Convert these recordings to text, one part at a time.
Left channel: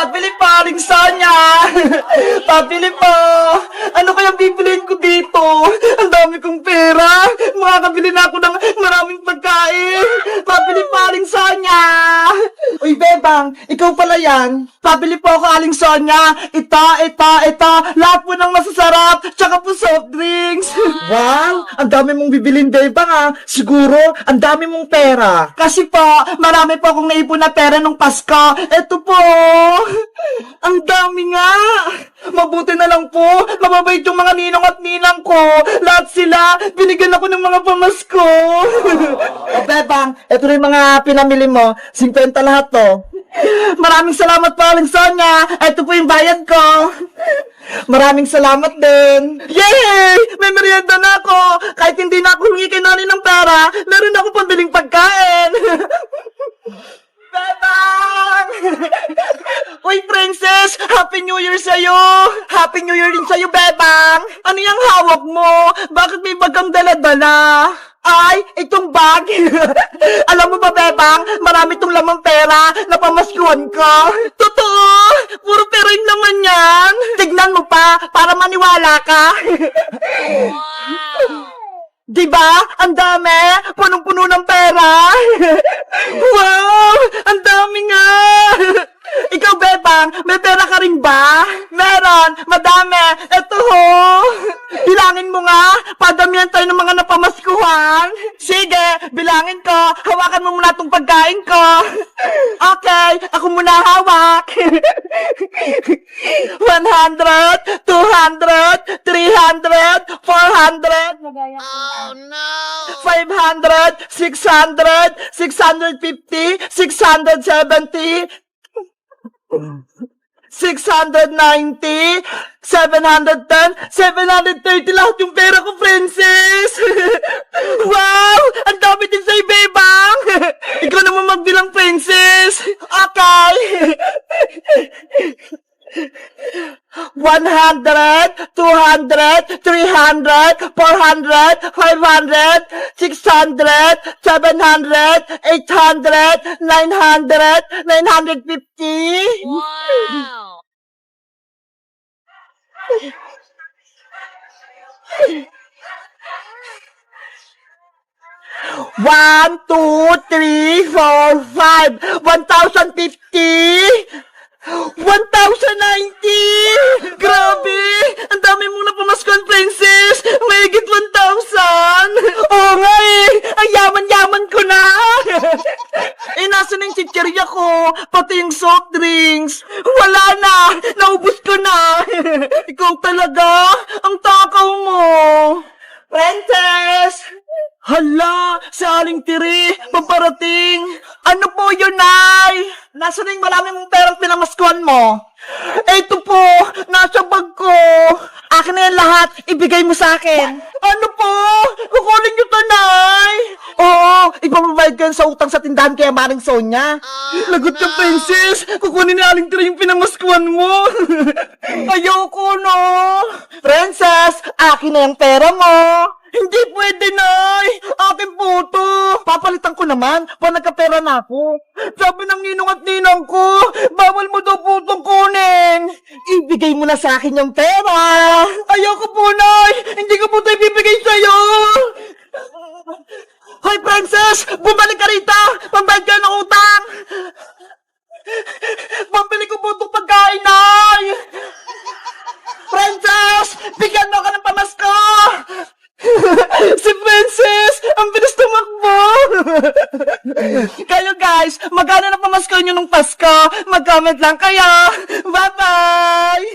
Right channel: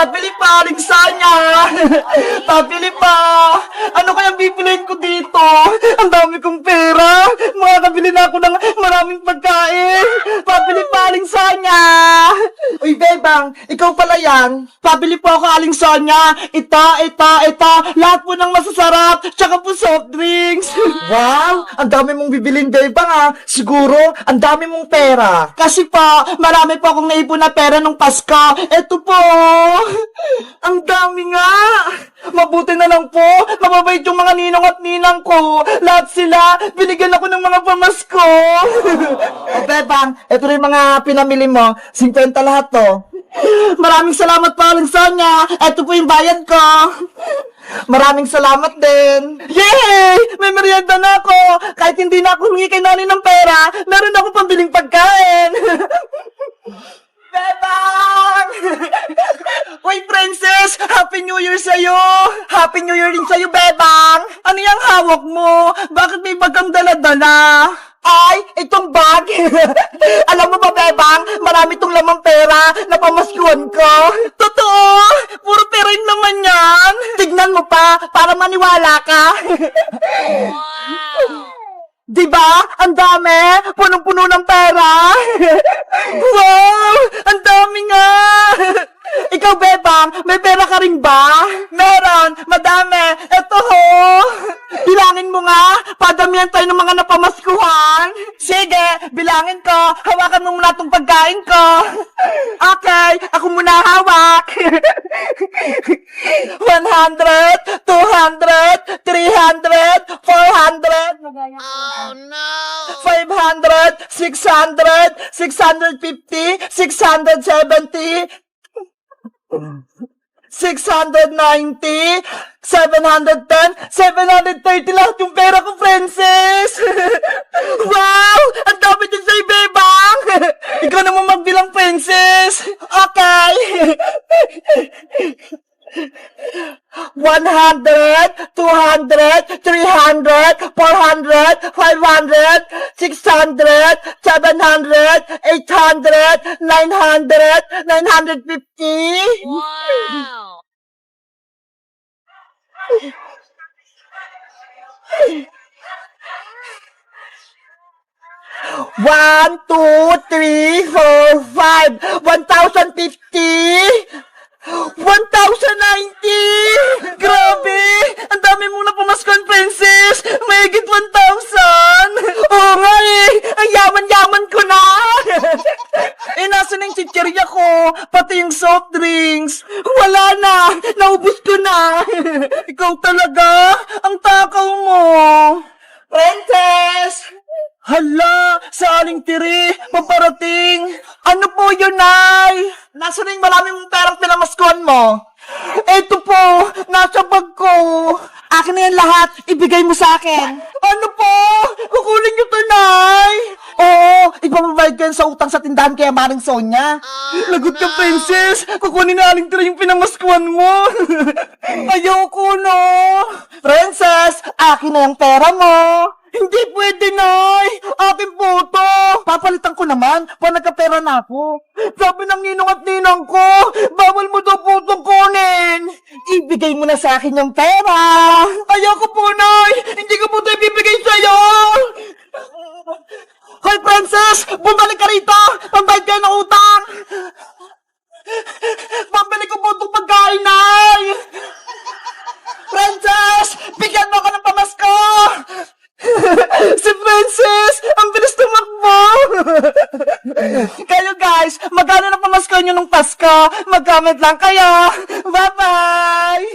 Pabili pa, Aling Sonia! Pabili pa! Ano kaya bibiliin ko dito? Ang dami kong pera! Makakabili na ako ng maraming pagkain! Pabili pa, Aling Sonia! Uy, Bebang, ikaw pala yan. Pabili po ako, Aling Sonia. Ito. Lahat po ng masasarap. Tsaka po soft drinks. Wow! Ang dami mong bibilin, Bebang, ah. Siguro, ang dami mong pera. Kasi po, marami po akong naipon na pera nung Pasko. Ito po. Ang dami nga. Mabuti na lang po. Mababait yung mga ninong at ninang ko. Lahat sila, binigyan ako ng mga pamasko. O, Bebang, ito rin mga pinamili mo. 50 lahat to. Maraming salamat po, Aling Sonia. Ito po yung bayad ko. Maraming salamat din. Yay! May merienda na ako. Kahit hindi na ako humingi kay nanay ng pera, meron ako pambiling pagkain. Bebang! Uy, Princess! Happy New Year sa'yo! Happy New Year din sa'yo, Bebang! Ano yung hawak mo? Bakit may bagang dala-dala? Ay, itong bag! Alam mo ba, Bebang? Marami itong lamang pera na pamaskuhan ko. Totoo! Puro pera yun naman yan! Tignan mo pa, para maniwala ka. Diba? Ang dami! Punong-puno ng pera! Wow! Ang dami nga! Ikaw, Bebang, may pera ka rin ba? Meron! Madami! Ito ho! Bilangin mo nga! Padamihan tayo ng mga napamaskuhan! Sige! Bilangin ko! Hawakan mo muna itong pagkain ko! Okay! Ako muna hawak! 100, 200, 300, 400, Oh no! 500, 600, 650, 670, 690, 710, 730 lahat yung pera ko, Princess! Wow! Ang dami din sa'yo, Bebang! Ikaw naman magbilang, Princess! Okay! 100, 200, 300, 400, 500, 600, 700, 800, 900, 950. Wow! One, two, three, four, five. 1,050. 1,090! Grabe! Ang dami mong napamaskuhan, Princess! Mahigit 1,000! Oo nga eh! Ang yaman-yaman ko na! Nasa na yung chichirya ko? Pati yung soft drinks! Wala na! Naubos ko na! Ikaw talaga! Ang takaw mo! Princess! Hala, sa Aling Tiri, paparating. Ano po yun, Nay? Nasaan yung maraming mong perang pinamaskuhan mo? Eto po, nasa bag ko. Akin na yan lahat, ibigay mo sa akin. Ano po? Kukunin niyo to, Nay? Oo, ipapabayad ko yan sa utang sa tindahan kaya Maring Sonia. Lagot ka, Princess. Kukunin na Aling Tiri yung pinamaskuhan mo. Ayoko, no? Princess, akin na yung pera mo. Hindi pwede, Nay! Akin po to! Papalitan ko naman, pag nagkapera na ako. Sabi ng ninong at ninang ko, bawal mo daw po itong kunin! Ibigay mo na sa akin yung pera! Ayoko po, Nay! Hindi ko po ito ibibigay sa'yo! Hoy, Princess! Bumalik ka rito! Pambayad ka ng utang! Pambili ko po itong pagkain, Nay! Princess! Bigyan mo ako ng pamasko! Si Princess! Ang bilis tumakbo! Kayo guys, magkano na pamasko nyo nung Pasko? Mag-comment lang kayo! Bye-bye!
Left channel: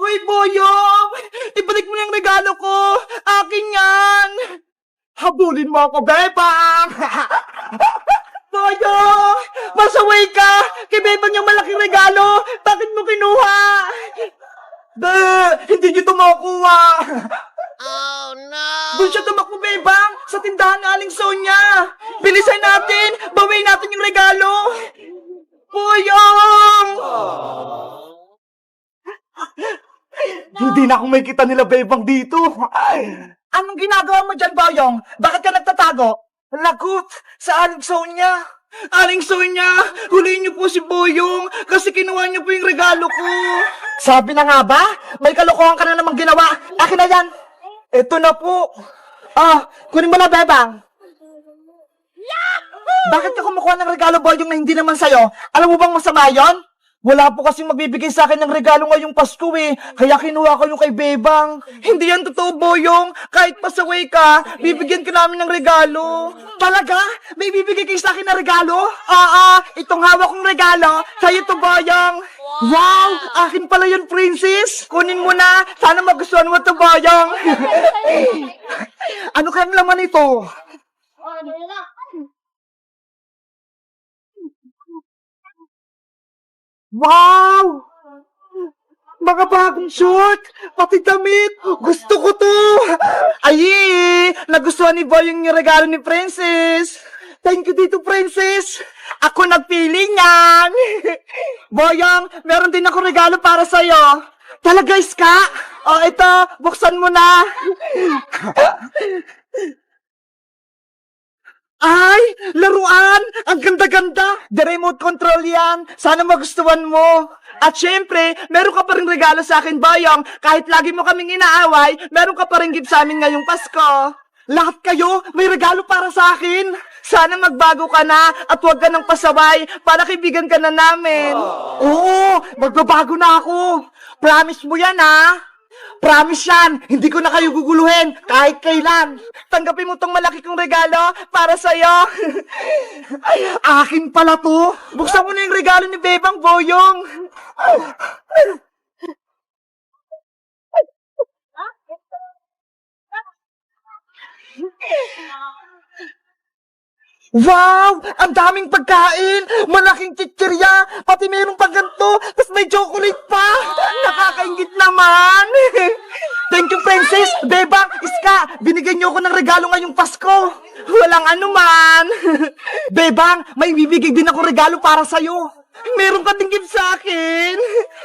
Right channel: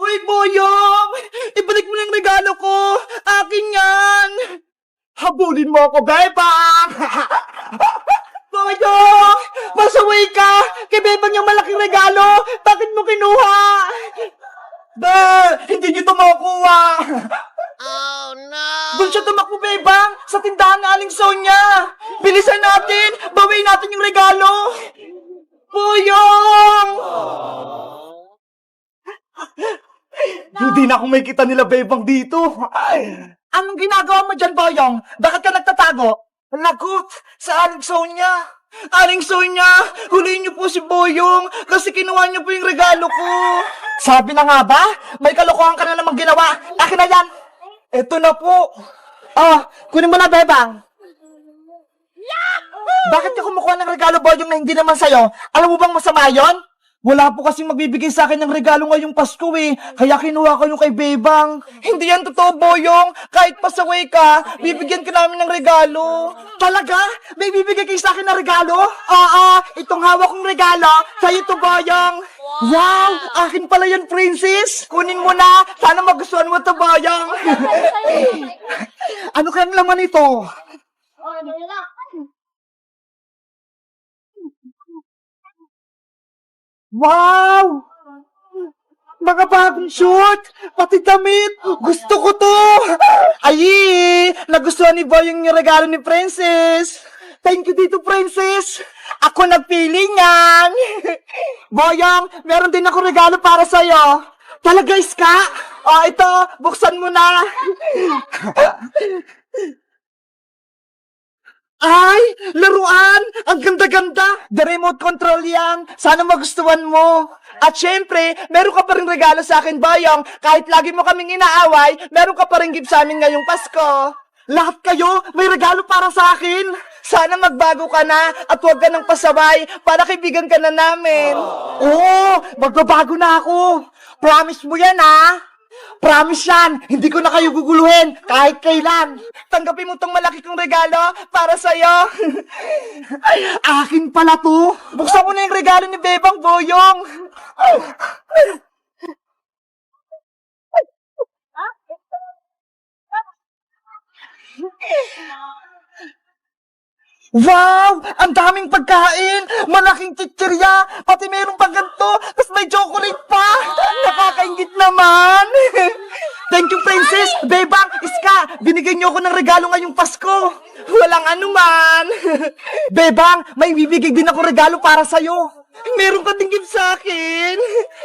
Uy, Boyong! Ibalik mo yung regalo ko! Akin yan! Habulin mo ako, Bebang! Boyong! Masaway ka! Kay Bebang yung malaking regalo! Bakit mo kinuha? Hindi niyo ito makukuha! Oh no! Doon siya tumakbo, Bebang! Sa tindahan ng Aling Sonia! Bilisan natin! Bawiin natin yung regalo! Boyong! Hindi na ako may kita nila, Bebang, dito! Anong ginagawa mo dyan, Boyong? Bakit ka nagtatago? Lagot sa Aling Sonia. Aling Sonia, huliin niyo po si Boyong kasi kinuha niyo po yung regalo ko. Sabi na nga ba? May kalokohan ka na namang ginawa. Akin na yan. Ito na po. Kunin mo na, Bebang. Bakit ka kumukuha ng regalo, Boyong, na hindi naman sa'yo? Alam mo bang masama yon? Wala po kasing magbibigay sa akin ng regalo ngayong Pasko eh. Kaya kinuha ko yung kay Bebang. Hindi yan totoo, Boyong. Kahit pasaway ka, bibigyan ka namin ng regalo. Talaga? May bibigay kayo sa akin ng regalo? Itong hawak kong regalo, sa'yo to, Boyong. Wow! Akin pala yun, Princess. Kunin mo na. Sana magustuhan mo to, Boyong. Ano kayang laman ito? Wow! Mga bagong suit! Pati damit! Gusto ko to! Ay! Nagustuhan ni Boyong yung regalo ni Princess! Thank you dito, Princess! Ako nagpili niyan! Boyong, meron din ako regalo para sa'yo! Talaga, Iska? Ito, buksan mo na! Ay! Laruan! Ang ganda-ganda! The remote control yan! Sana magustuhan mo! At syempre, meron ka pa rin regalo sa akin, Boyong. Kahit lagi mo kaming inaaway, meron ka pa rin gift sa amin ngayong Pasko. Lahat kayo, may regalo para sa akin. Sana magbago ka na at huwag ka nang pasaway para kaibigan ka na namin. Oo, magbabago na ako. Promise mo yan, ha? Promise yan, hindi ko na kayo guguluhin kahit kailan. Tanggapin mo tong malaki kong regalo para sa'yo. Akin pala to. Buksan mo na yung regalo ni Bebang, Boyong. Wow! Ang daming pagkain! Malaking chichirya! Pati mayroong pang ganito! Tapos may chocolate pa! Nakakaingit naman! Thank you, Princess! Bebang! Iska! Binigyan niyo ako ng regalo ngayong Pasko! Walang anuman! Bebang! May bibigay din ako regalo para sa'yo! Meron ka din gift sa akin!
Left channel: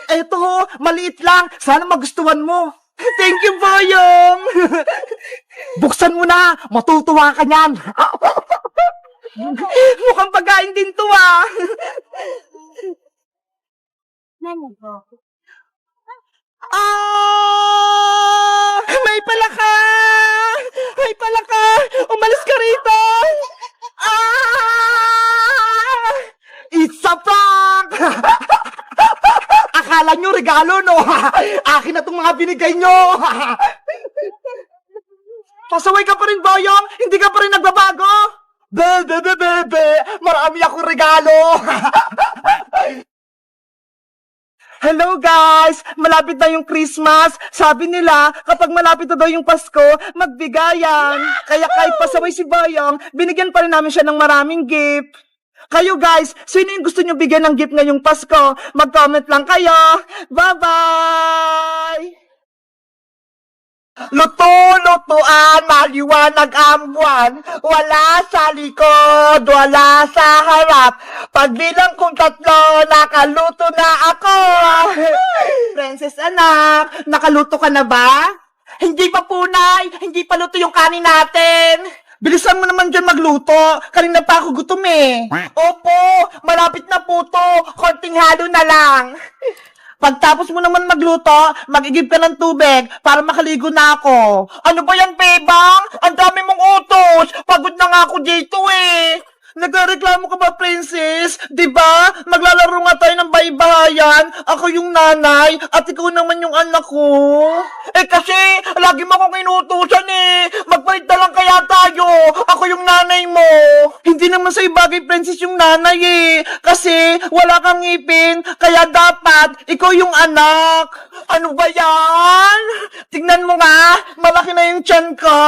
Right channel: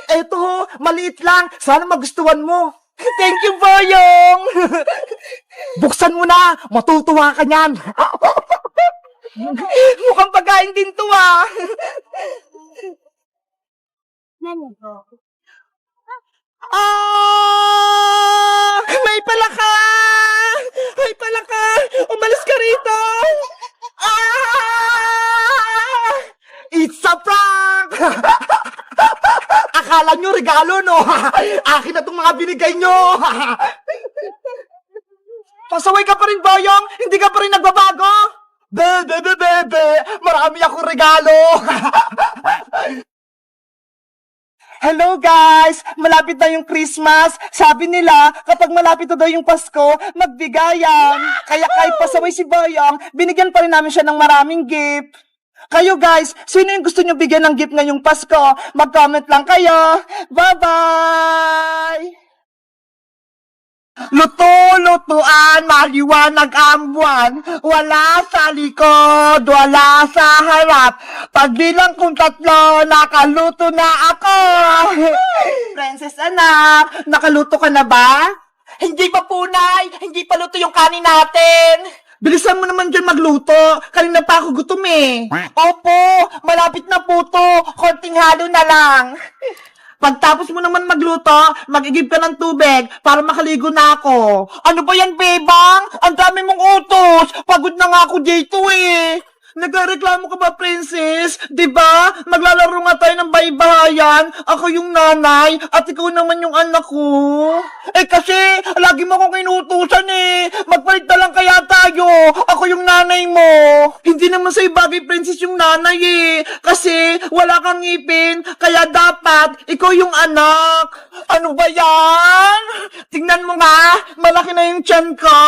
Eto, maliit lang! Sana magustuhan mo! Thank you, Boyong! Buksan mo na! Matutuwa ka niyan! Mukhang pagkain din to, ah! May palaka! May palaka! Umalis ka rito! It's a prank! Akala nyo regalo, no? Akin na itong mga binigay nyo! Pasaway ka pa rin, Boyong? Hindi ka pa rin nagbabago? Bebe! Marami akong regalo! Hello guys! Malapit na yung Christmas. Sabi nila, kapag malapit na daw yung Pasko, magbigayan. Kaya kahit pasaway si Boyong, binigyan pa rin namin siya ng maraming gift. Kayo guys, sino yung gusto nyo bigyan ng gift ngayong Pasko? Mag-comment lang kayo. Bye-bye! Luto-lutuan, maliwanag ang buwan. Wala sa likod, wala sa harap. Pagbilang kong 3, nakaluto na ako. Princess anak, nakaluto ka na ba? Hindi pa punay, hindi pa luto yung kanin natin. Bilisan mo naman dyan magluto. Kanina pa ako gutom eh. Opo, malapit na po to. Konting halo na lang. Pagtapos mo naman magluto, mag-igib ka ng tubig para makaligo na ako. Ano ba yan, Bebang? Ang dami mong utos. Pagod na nga ako dito eh. Nagreklamo ka ba, Princess? Diba? Maglalaro nga tayo ng baybayan. Ako yung nanay at ikaw naman yung anak ko. Eh kasi, lagi mo akong inutusan eh. Magpalit na lang kaya tayo. Ako yung nanay mo. Hindi naman sa'yo bagay, Princess, yung nanay eh. Kasi, wala kang ngipin. Kaya dapat, ikaw yung anak. Ano ba yan? Tingnan mo nga, malaki na yung tiyan ko.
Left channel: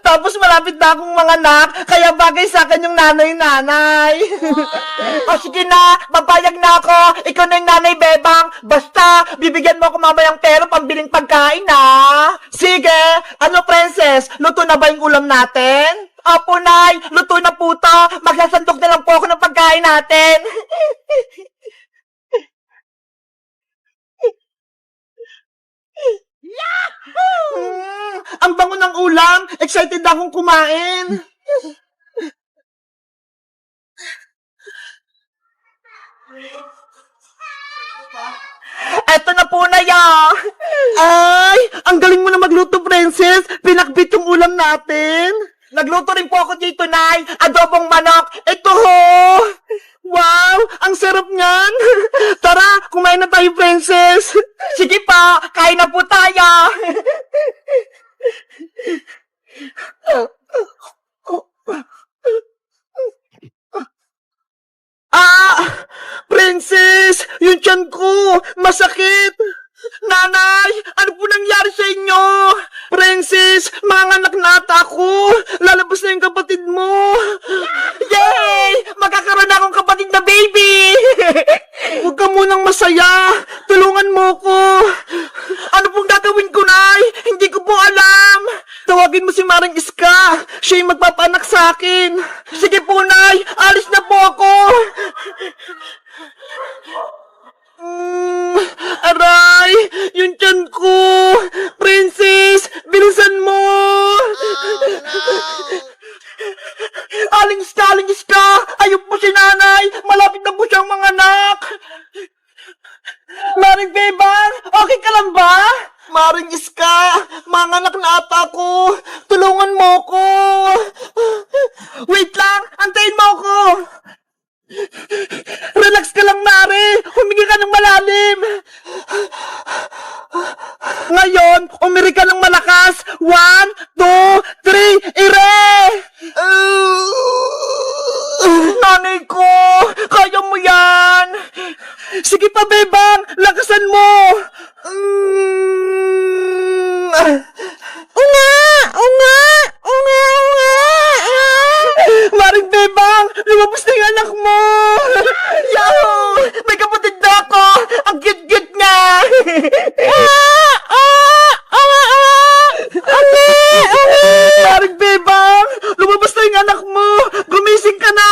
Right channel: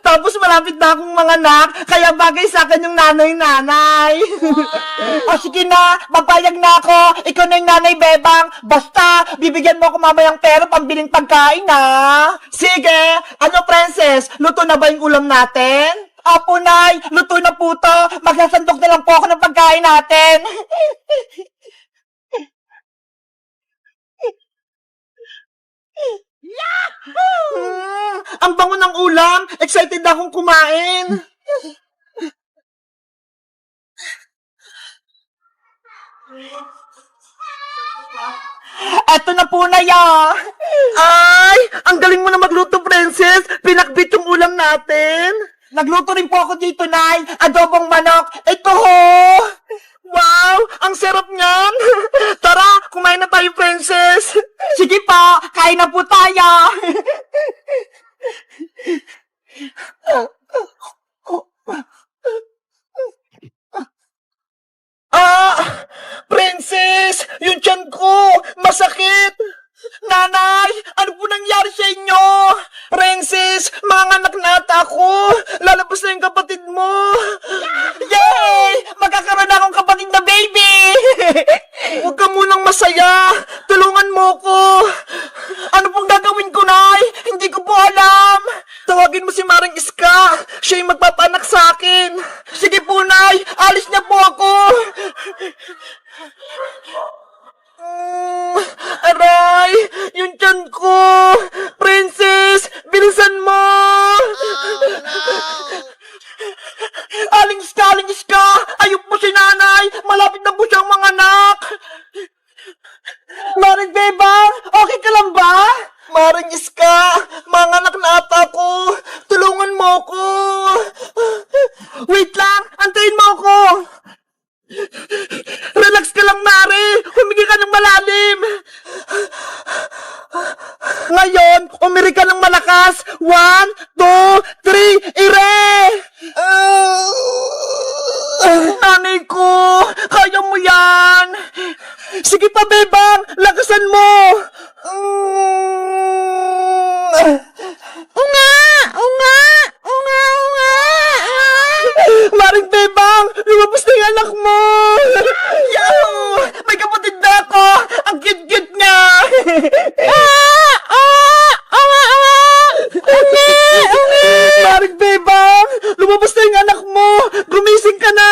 Tapos malapit na akong manganak. Kaya bagay sa akin yung nanay. O sige na, mapayag na ako. Ikaw na yung nanay, Bebang. Basta, bibigyan mo ako mamayang pera pambiling pagkain, ha? Sige. Ano, Princess? Luto na ba yung ulam natin? Opo, Nay. Luto na po to. Magsasandok na lang po ako ng pagkain natin. Yahoo! Ang bango ng ulam. Excited akong kumain. Eto na po na ya. Ay, ang galing mo na magluto, princess. Pinakbit yung ulam natin. Nagluto rin po ako dito, Nay. Adobong manok. Ito ho. Wow, ang sarap niyan. Tara, kumain na tayo, princess. Sige pa, kain na po tayo. Princess, yung tiyan ko, masakit. Nanay, ano po nangyari sa inyo? Princess, mga anak na ata ako. Lalabas na yung kapatid mo. Yay! Magkakaroon na akong kapatid na baby. Huwag ka munang masaya. Tulungan mo ko. Ano pong gagawin ko, Nay? Hindi ko po alam. Tawagin mo si Maring Iska. Siya yung magpapanak sa akin. Sige po, Nay. Alis na po ako. Aray! Yung tiyan ko! Princess! Bilisan mo! Oh no! Aling Iska! Ayun po si nanay! Malapit na po siyang mga anak! Maring Bebang! Okay ka lang ba? Maring Iska! Mga anak na ata ko! Tulungan mo ko! Wait lang! Antayin mo ko! Relax ka lang, Mari! Humingi ka ng malalim! Ngayon, umiri ka ng malakas! 1, 2, 3, ire! Nanay ko! Kaya mo yan! Sige pa, Bebang! Lakasan mo! Maring Bebang! Lumabas na yung anak mo! Yo! May kapatid na ako! Ang cute-cute niya! Maring Bebang! Lumabas na yung anak mo! Gumising ka na!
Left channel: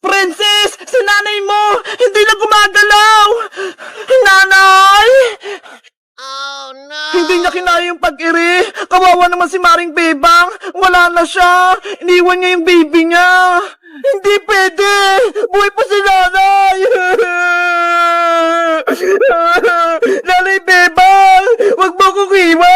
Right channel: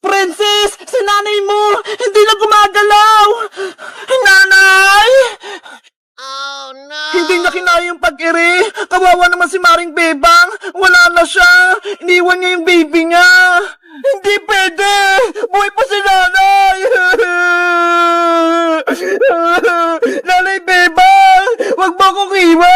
Princess! Si nanay mo! Hindi na gumagalaw! Nanay! Oh no! Hindi niya kinaya yung pag-iri. Kawawa naman si Maring Bebang. Wala na siya. Iniwan niya yung baby niya. Hindi pwede. Buhay pa si nanay. Nanay Bebang, wag mo akong iwan.